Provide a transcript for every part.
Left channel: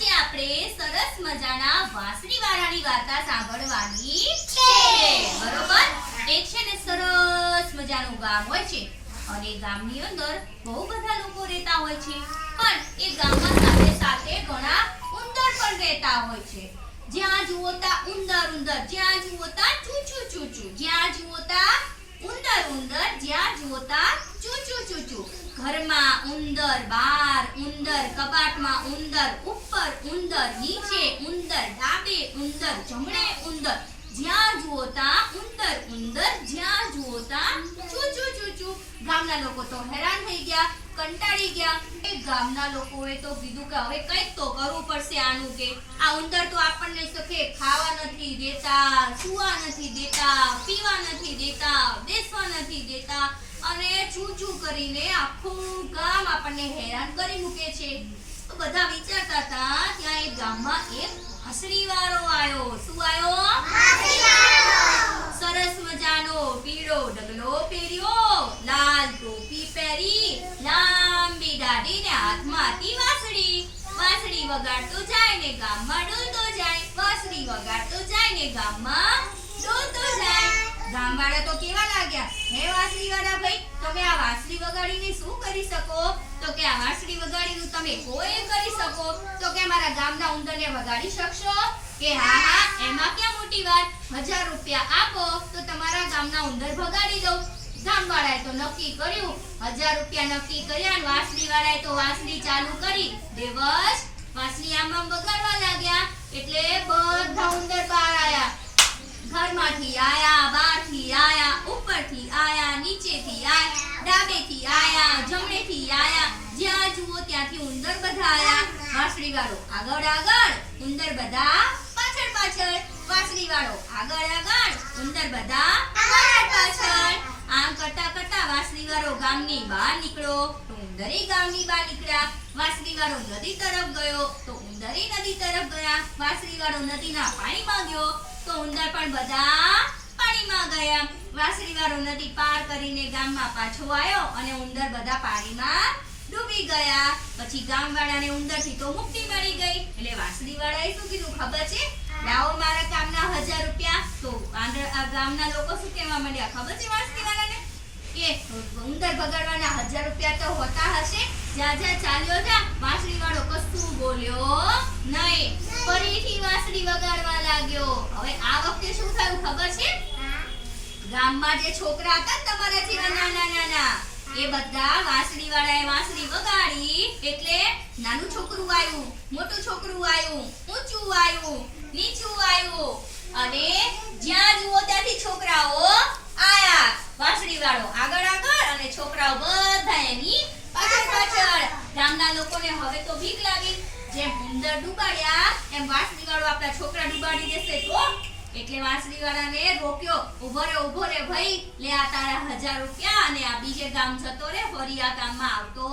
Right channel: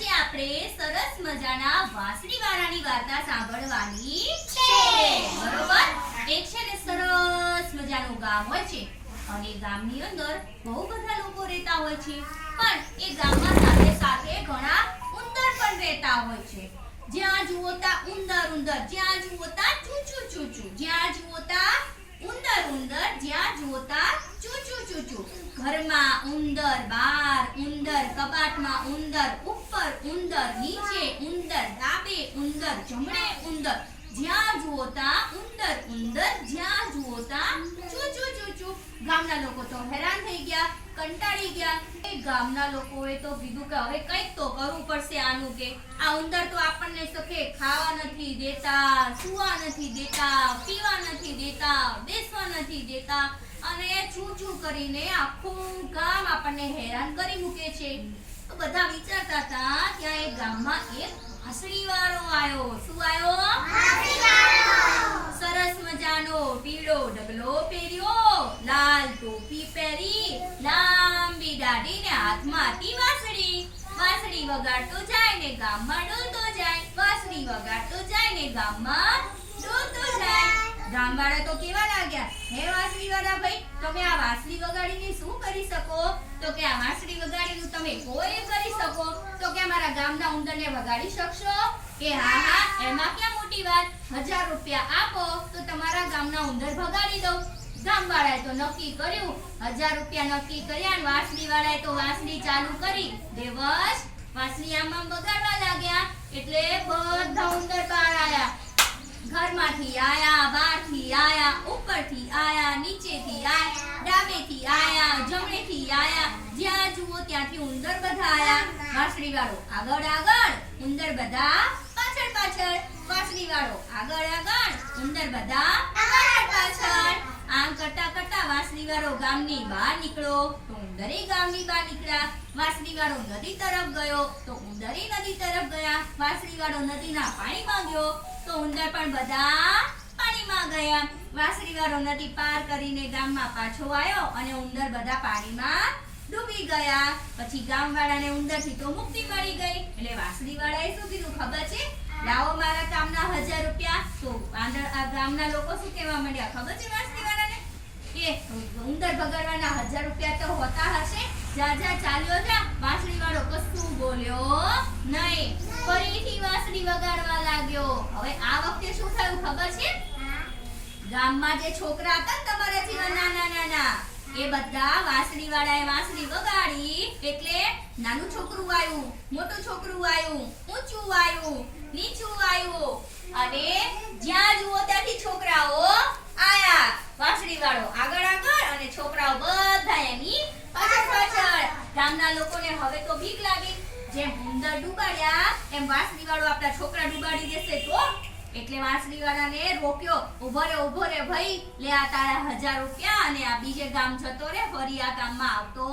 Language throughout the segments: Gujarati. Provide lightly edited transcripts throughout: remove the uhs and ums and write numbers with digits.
આજે આપણે સરસ મજાના વાંસળીવાળાની વાર્તા સાંભળવાની છે. બરોબર? એક છે ને સરસ મજાનું ગામ હોય છે અને ગામની અંદર બહુ બધા લોકો રહેતા હોય છે, પણ એ ગામમાં સાથે સાથે ઘણા ઉંદર પણ રહેતા હોય છે. જ્યાં જુઓ ત્યાં ઉંદર ઉંદર, જ્યાં જુઓ ત્યાં ચૂચુ ચૂચુ, જ્યાં જુઓ ત્યાં ઉંદર ઉંદર, જ્યાં જુઓ ત્યાં ચૂચુ ચૂચુ. ઘરમાં ઉંદર, બહાર ઉંદર, કબાટમાં ઉંદર, ઉપર ઉંદર, નીચે ઉંદર, ડાબે ઉંદર, જમણે ઉંદર, જ્યાં જુઓ ત્યાં ઉંદર ઉંદર, જ્યાં જુઓ ત્યાં ચૂચુ ચૂચુ. ગામના લોકો તો હેરાન થઈ ગયા, કંટાળી ગયા. એ ગામના લોકોએ તો કીધું કે હવે કંઈક તો કરવું પડશે આનું, કે આ ઉંદર તો આપણને સખે ખાવા નથી દેતા, સૂવા નથી દેતા, પીવા નથી દેતા, બેસવા નથી દેતા અને ચૂચુ કરીને આખું ગામ આપણને હેરાન કરી મૂકે છે. તો બધા વિચારતા હતા, ત્યાં એક ગામમાં એક વાંસળીવાળો આવ્યો. શું આવ્યો? સરસ મજાનો પીળો ડગલો પહેર્યો, લાલ ટોપી પહેરી, લાંબી દાઢી ને હાથમાં હતી વાંસળી. વાંસળી વગાડતો જાય ને ગામમાં ડોલતો જાય, વાંસળી વગાડતો જાય ને ગામમાં ડોલતો જાય. ગામવાળા તો કેવા લાગ્યા, હે વાંસળીવાળા ભાઈ, તમે આ વાંસળી વગાડીને શું કરી શકો? તો કે આ વાંસળી વગાડીને તમે કોઈ કરી શકો? તો કે અમારા ગામના ઉંદરને વગાડી શકશો? કે હા હા, એમાં ક્યાં મોટી વાત, 1000 રૂપિયા આપો તો તમારા ગામના ઉંદર ભગાડી દઉં. ગામવાળાએ તો નક્કી કર્યું, 1000 રૂપિયા નક્કી કર્યા અને વાંસળીવાળાએ તો વાંસળી ચાલુ કરી. દેવસ વાંસળી આમ આમ વગાડવા લાગ્યા એટલે બધા ઉંદર બહાર આયા. ઘરમાંથી આયા, બહારથી આયા, ઉપરથી આયા, નીચેથી આયા, ડાબેથી આયા, જમણેથી આયા, જ્યાં જુઓ ત્યાંથી ઉંદર બધા આયા. વાંસળીવાળો આગળ આગળ, ઉંદર બધા પાછળ પાછળ. વાંસળીવાળો આગળ આગળ, ઉંદર બધા પાછળ પાછળ. આમ કરતા કરતા વાંસળીવાળો ગામની બહાર નીકળ્યો તો ઉંદરે ગામની બહાર નીકળ્યા. વાંસળીવાળો નદી તરફ ગયો તો ઉંદરે નદી તરફ ગયા. વાંસળીવાળો નદીના પાણીમાં ગયો તો ઉંદર પણ બધા પાણીમાં ગયા. વાંસળીવાળો નદી પાર કરીને ગામમાં પાછો આવ્યો અને ઉંદર બધા પાણીમાં ડૂબી ગયા. પછી ગામવાળાને ઉંદરથી તો મુક્તિ મળી ગઈ. એટલે વાંસળીવાળાએ શું કીધું ખબર છે? લાવો મારા કામના 1000 રૂપિયા. તો આ ગામના લોકો શું કહેવા માંડ્યા ખબર છે વાંસળીવાળાને? કે ઉંદર ભગાડવાના 1000 રૂપિયા તો હોતા હશે, જા જા ચાલ્યો જા. વાંસળીવાળો કશું બોલ્યો નહીં, ફરીથી વાંસળી વગાડવા લાગ્યો. હવે આ વખતે શું થયું ખબર છે? ગામમાં જે છોકરા હતા તમારા જેવા નાના નાના, એ બધા વાંસળીવાળાએ વાંસળી વગાડી એટલે નાનું છોકરું આવ્યું, મોટું છોકરું આવ્યું, ઊંચું આવ્યું, નીચું આવ્યું અને જ્યાં જુઓ ત્યાંથી છોકરાઓ આયા. વાંસળીવાળો આગળ આગળ અને છોકરાઓ બધા એની પાછળ પાછળ. ગામના લોકોને હવે તો બીક લાગી, જેમ ઉંદર ડૂબાડ્યા એમ વાંસળીવાળો આપણા છોકરા ડૂબાડી દેશે તો. એટલે વાંસળીવાળાને રોક્યો, ઉભો રે ભાઈ, લે આ તારા 1000 રૂપિયા અને આ બીજે ગામ જતો રે, ફરી આ ગામમાં આવતો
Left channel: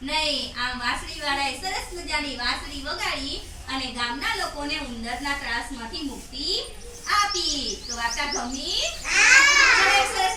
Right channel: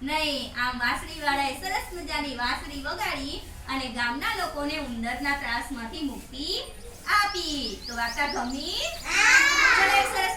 નહીં. આમ વાંસળીવાળાએ સરસ મજાની વાંસળી વગાડી અને ગામના લોકોને ઉંદરના ત્રાસમાંથી મુક્તિ આપી. તો વાર્તા ગમી? સરસ